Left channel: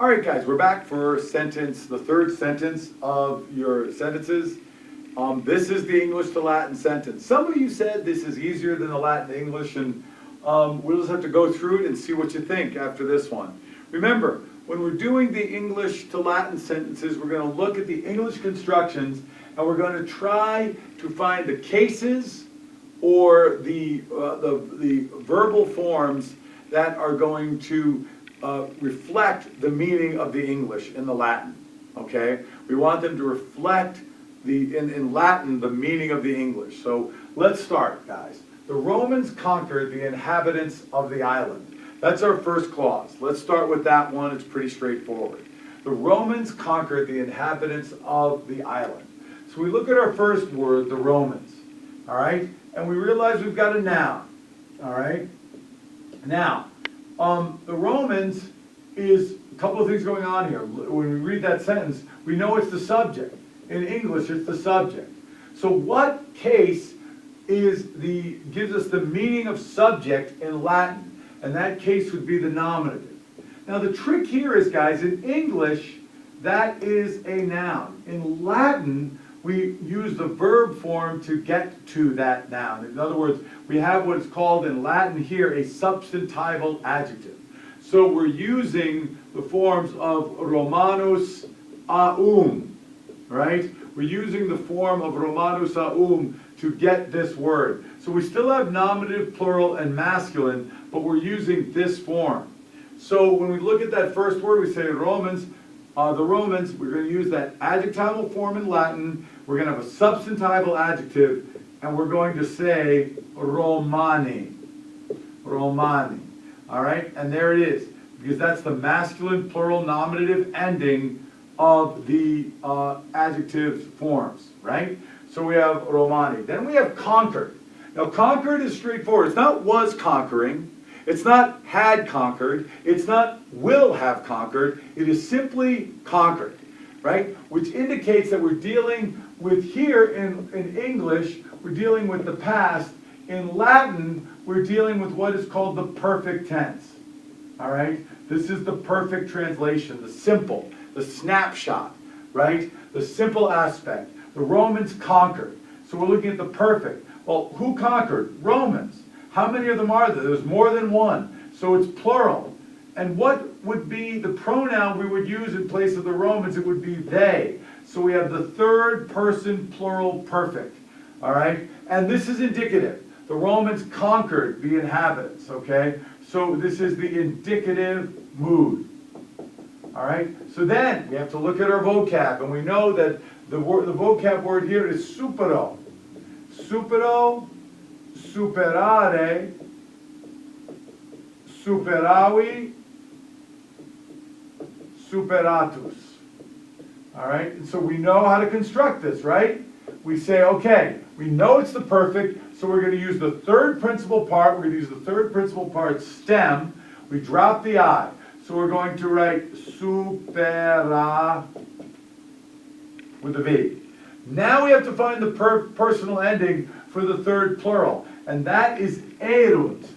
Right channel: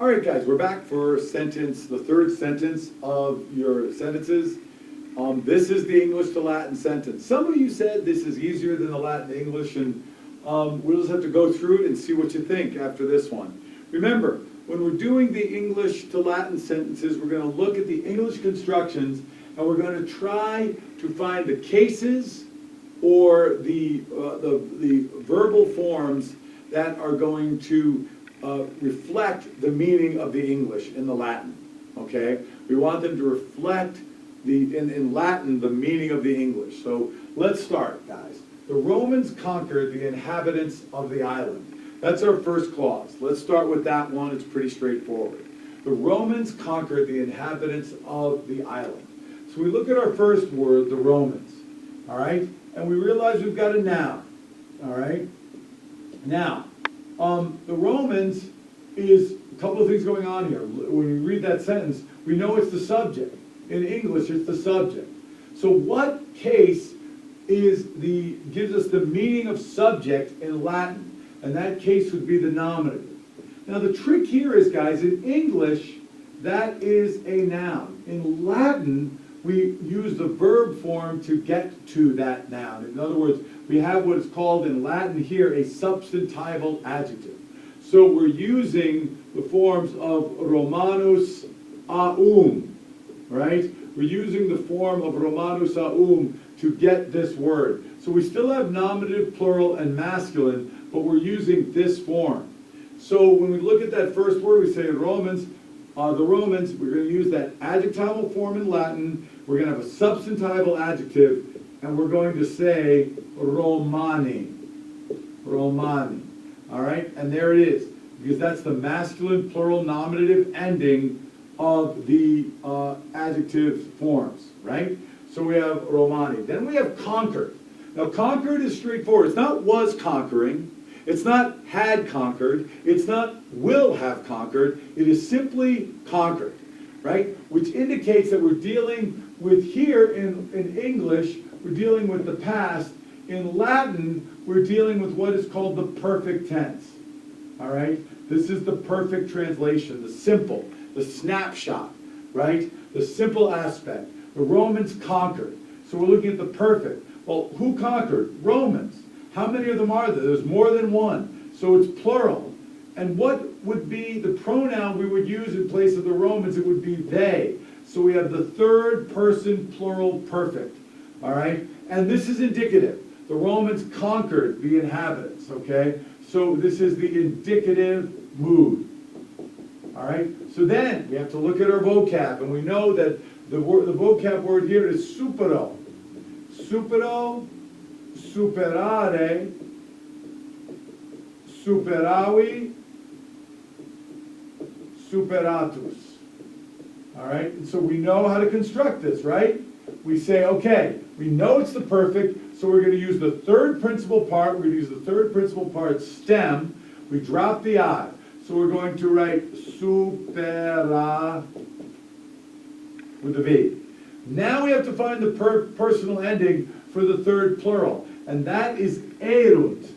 All right, guys, we're back for the third sentence of your sentences. This is the English to Latin sentence. Some of you said this is easier than the Latin to English, and we'll just have to go through it and see what you think after this one. Remember, when we're doing the English to Latin sentences, we're going to look at the English constructions, and we're going to try to find the cases or the verbal forms that are going to reflect the meaning of the English in the Latin, okay? We want them to reflect in Latin the meaning of the English. So let's start, guys. The Romans conquered the inhabitants of the island. That's our first clause. Let's start with that one. It's pretty straightforward. The Romans conquered the inhabitants of the island. So we look at our first word, the Romans, all right? And we realize we've got a noun, all right? Now, the Romans is a couple of things going on here. When we read that sentence, we know it's the subject. In English, it's the subject. So what case gives us the meaning of subject in Latin? And that case would be the nominative. Now the trick here is, guys, in English, that is a noun. In Latin, we use the verb form to get to that noun. In other words, we have what is called in Latin here a substantival adjective. So we're using the forms of Romanus aum, right? We're using the form of Romanus aum to get this word. So we still have nominative, plural, and masculine, but we're using this form. So when we look at that first word, we say Romans, the Romans, we're going to use that adjectival form in Latin. We're going to have a substantival adjective, and we're going to say Romani. Romani. All right? And there it is, because that's the masculine, plural, nominative ending of the adjective forms, right? So we have Romani. Then we have conquered. Now, conquered is straightforward. It's not was conquering. It's not had conquered. It's not will have conquered. It is simply conquered, right? Which indicates that we're dealing with here in English, we're dealing with the past. In Latin, we're dealing with what is called the perfect tense, all right? This is the perfect translation, the simple, the snapshot, right? The simple aspect. The Romans conquered. So we're looking at the perfect. Well, who conquered? Romans. How many of them are there? There's more than one. So it's plural. And what would be the pronoun we would use in place of the Romans? It would be they. So we have the third person plural perfect. All right? And this is indicative. The Romans conquered the inhabitants, okay? So this is the indicative mood. All right? So then we have to look at our vocab, and we know that the vocab word here is supero. Supero, superare, superavi, superatus. All right? And so we know how to construct this, right? We say, okay, we know it's the perfect, so we're going to use the third principal part. We're going to use the third principal part, stem. We drop the I. So we're going to write supera with a V. Now we have to find the personal ending for the third plural, and that is erunt.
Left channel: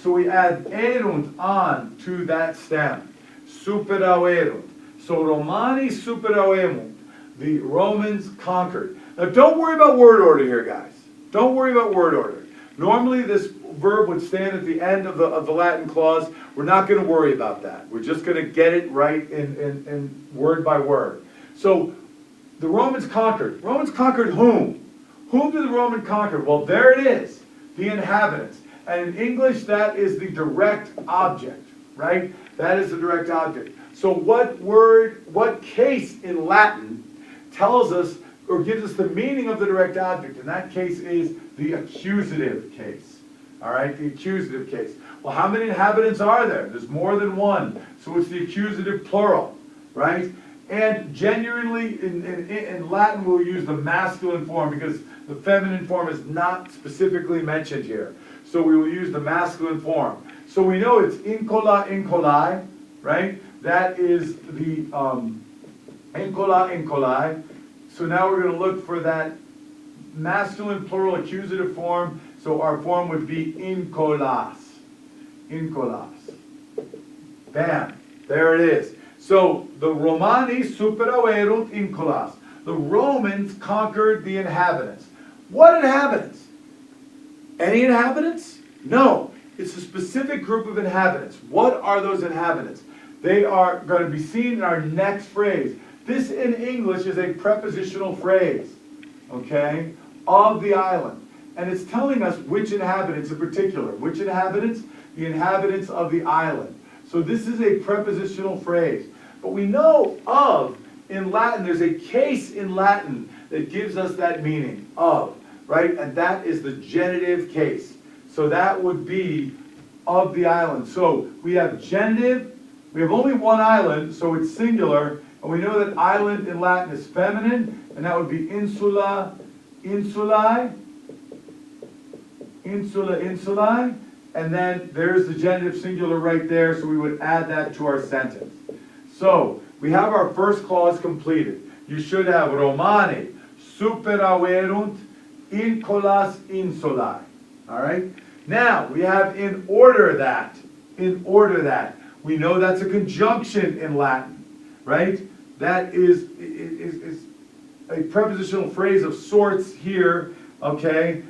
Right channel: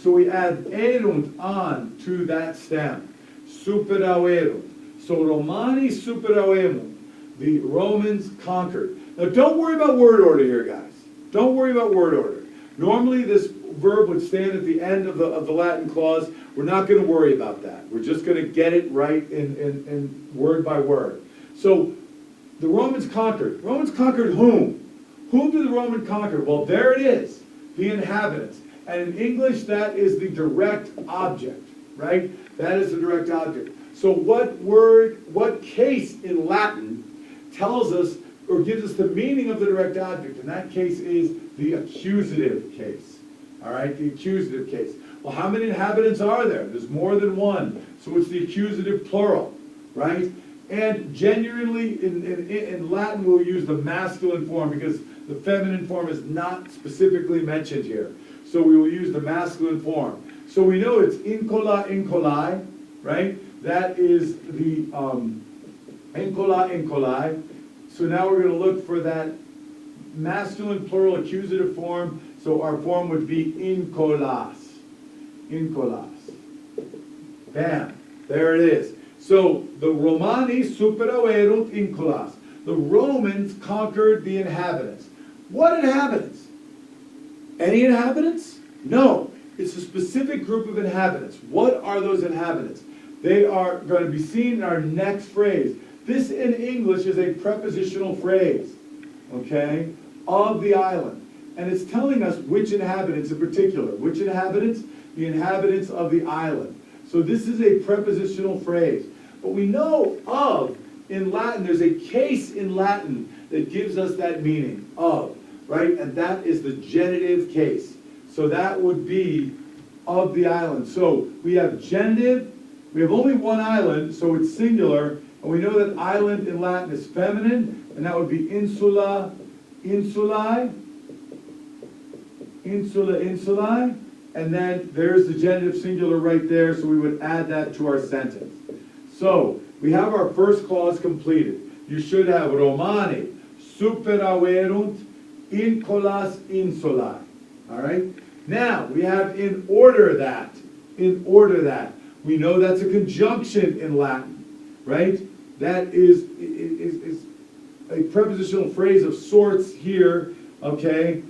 So we add erunt on to that stem. Superauerunt. So Romani superauerunt. The Romans conquered. Now don't worry about word order here, guys. Don't worry about word order. Normally this verb would stand at the end of the Latin clause. We're not going to worry about that. We're just going to get it right in word by word. So the Romans conquered. Romans conquered whom? Whom did the Roman conquer? Well, there it is, the inhabitants. And in English, that is the direct object, right? That is the direct object. So what case in Latin tells us or gives us the meaning of the direct object? And that case is the accusative case. All right, the accusative case. Well, how many inhabitants are there? There's more than one. So it's the accusative plural, right? And genuinely, in Latin, we'll use the masculine form because the feminine form is not specifically mentioned here. So we will use the masculine form. So we know it's incola, incolai, right? That is the incola, incolai. So now we're going to look for that masculine plural accusative form. So our form would be incolas. Incolas. Bam. There it is. So the Romani superaverunt insulas. The Romans conquered the inhabitants. What inhabitants? Any inhabitants? No. It's a specific group of inhabitants. What are those inhabitants? They are going to be seen in our next phrase. This in English is a prepositional phrase, okay, of the island. And it's telling us which inhabitants in particular. Which inhabitants? The inhabitants of the island. So this is a prepositional phrase. But we know of, in Latin, there's a case in Latin that gives us that meaning, of, right? And that is the genitive case. So that would be of the island. So we have genitive, we have only one island, so it's singular, and we know that island in Latin is feminine, and that would be insula, insulae, insula, insulae, and then there's the genitive singular right there, so we would add that to our sentence. So, we have our first clause completed. You should have Romani superaverunt insulas insulae. Alright? Now, we have in order that. In order that. We know that's a conjunction in Latin. Right? That is a prepositional phrase of sorts here, okay,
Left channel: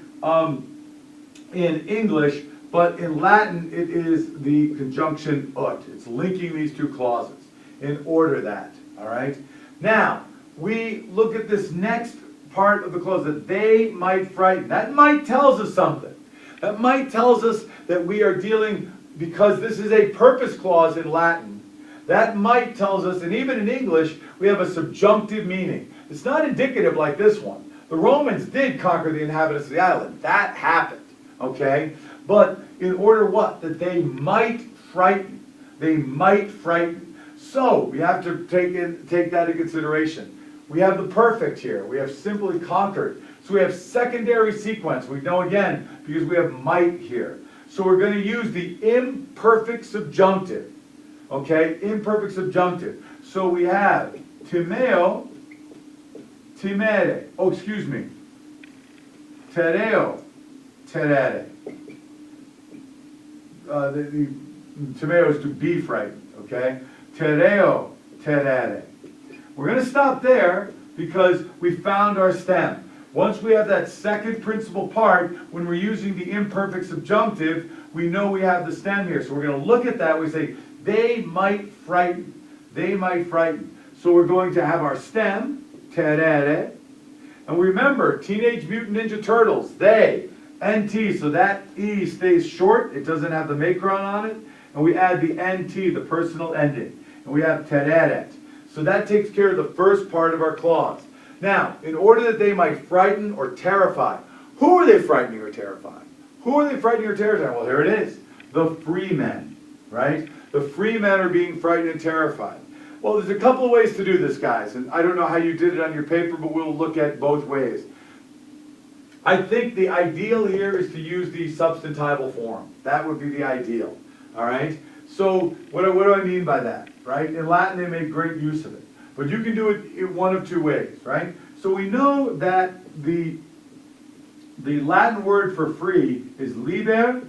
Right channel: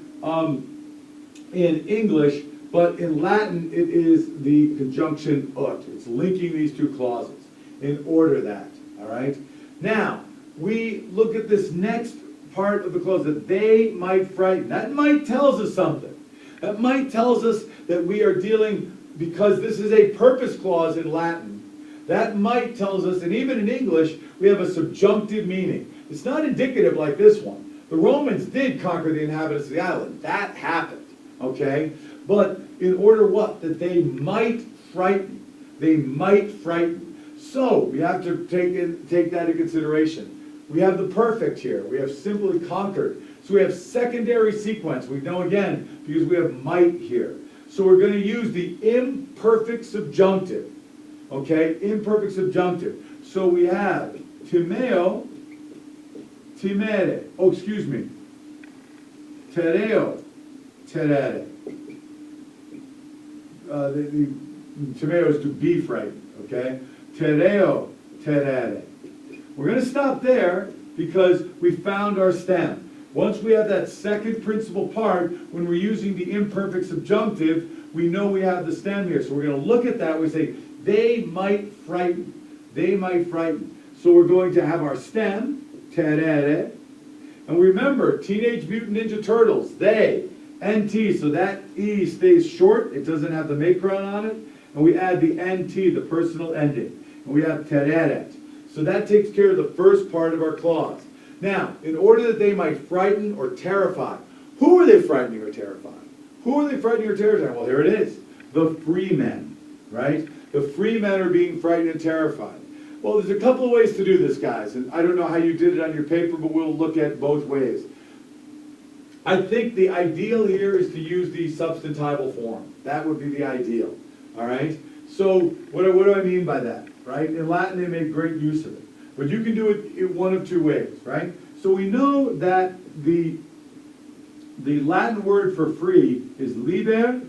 in English, but in Latin it is the conjunction ut. It's linking these two clauses. In order that, all right? Now, we look at this next part of the clause, that they might frighten. That might tells us something. That might tells us that we are dealing, because this is a purpose clause in Latin, that might tells us, and even in English, we have a subjunctive meaning. It's not indicative like this one. The Romans did conquer the inhabitants of the island. That happened, okay? But in order what? That they might frighten. They might frighten. So, we have to take that into consideration. We have the perfect here. We have simply conquered. So we have secondary sequence. We know again, because we have might here. So we're going to use the imperfect subjunctive. Okay, imperfect subjunctive. So we have timeo, timere. Oh, excuse me. Tereo, terere. The timeo is to be frightened. Okay. Tereo, terere. We're going to stop there because we found our stem. Once we have that second principal part, when we're using the imperfect subjunctive, we know we have the stem here. So we're going to look at that. We say, they might frighten. They might frighten. So we're going to have our stem, terere. And remember, Teenage Mutant Ninja Turtles, they, NT, so that E stays short. It doesn't have the macron on it. And we add the NT, the personal ending. And we have tereret. So that takes care of the first part of our clause. Now, in order that they might frighten or terrify, who are they frightening or terrifying? Who are they frightening or terrifying? Well, here it is. The free men, right? The free men are being frightened and terrified. Well, there's a couple of ways to do this, guys. And I don't know how you did it on your paper, but we'll look at both ways. I think the ideal here is to use the substantival form. That would be the ideal, all right? So what do I mean by that, right? In Latin, they make great use of it. But you can do it in one of two ways, right? So we know that the Latin word for free is liber,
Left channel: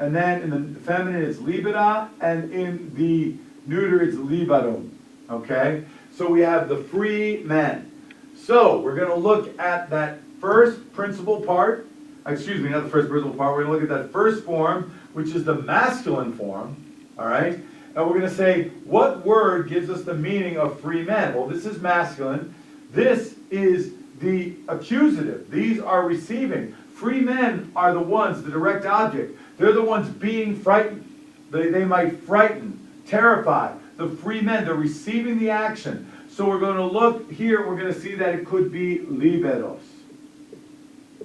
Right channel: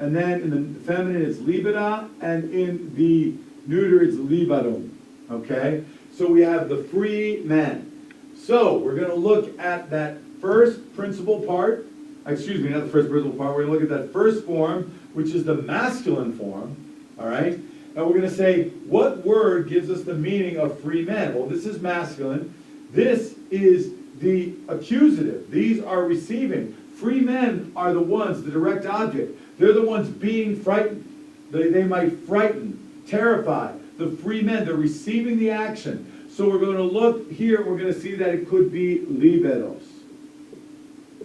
and then in the feminine it's libera, and in the neuter it's liberum, okay? So we have the free men. So we're going to look at that first principal part, excuse me, not the first principal part, we're going to look at that first form, which is the masculine form, all right? And we're going to say, what word gives us the meaning of free men? Well, this is masculine. This is the accusative. These are receiving. Free men are the ones, the direct object. They're the ones being frightened. They might frighten, terrify. The free men, they're receiving the action. So we're going to look here, we're going to see that it could be liberos.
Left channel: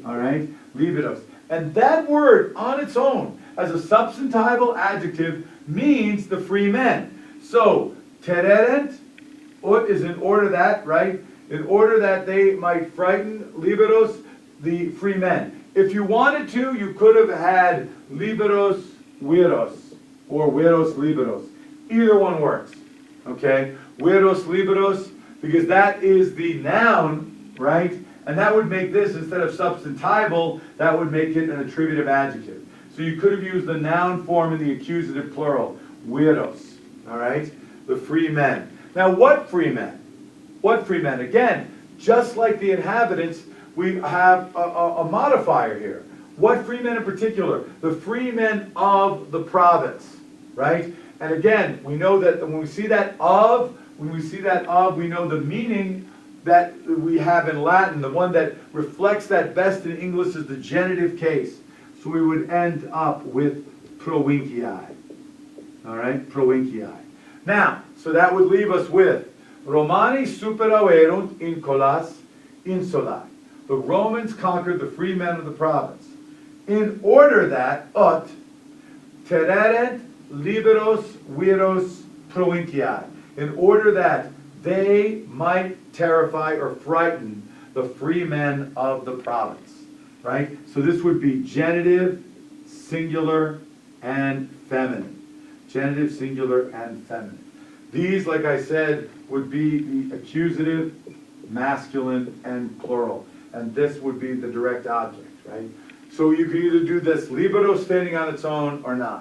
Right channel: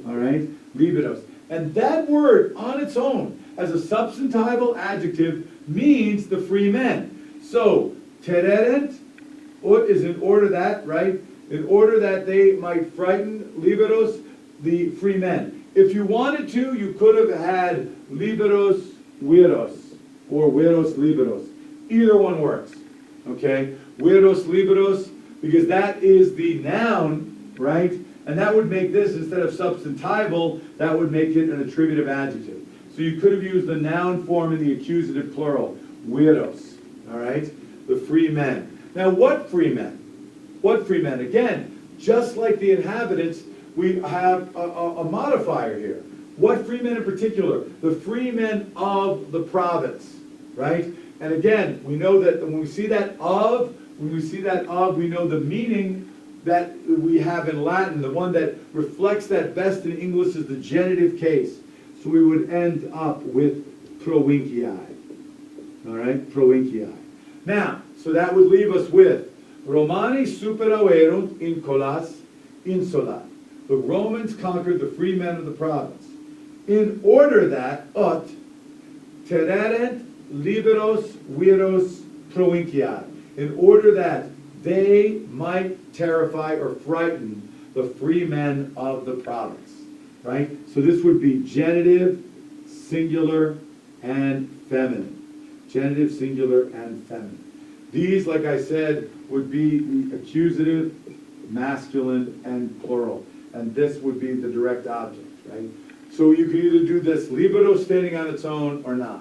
All right? Liberos. And that word on its own, as a substantival adjective, means the free men. So, tereret, ut is in order that, right? In order that they might frighten, liberos, the free men. If you wanted to, you could have had liberos viros, or viros liberos. Either one works, okay? Viros liberos, because that is the noun, right? And that would make this, instead of substantival, that would make it an attributive adjective. So you could have used the noun form in the accusative plural, viros, all right? The free men. Now, what free men? What free men? Again, just like the inhabitants, we have a modifier here. What free men in particular? The free men of the province, right? And again, we know that when we see that of, we know the meaning that we have in Latin. The one that reflects that best in English is the genitive case. So we would end up with provincii. All right, provincii. Now, so that would leave us with Romani superauerunt in colas insula. The Romans conquered the free men of the province, in order that ut terrerent liberos viros provinciae, in order that they might terrify or frighten the free men of the province, right? So this would be genitive, singular, and feminine. Genitive, singular, and feminine. These, like I said, would be the accusative, masculine, and plural. And this would be the direct object, right? So you can either do this libero standing on its own or not.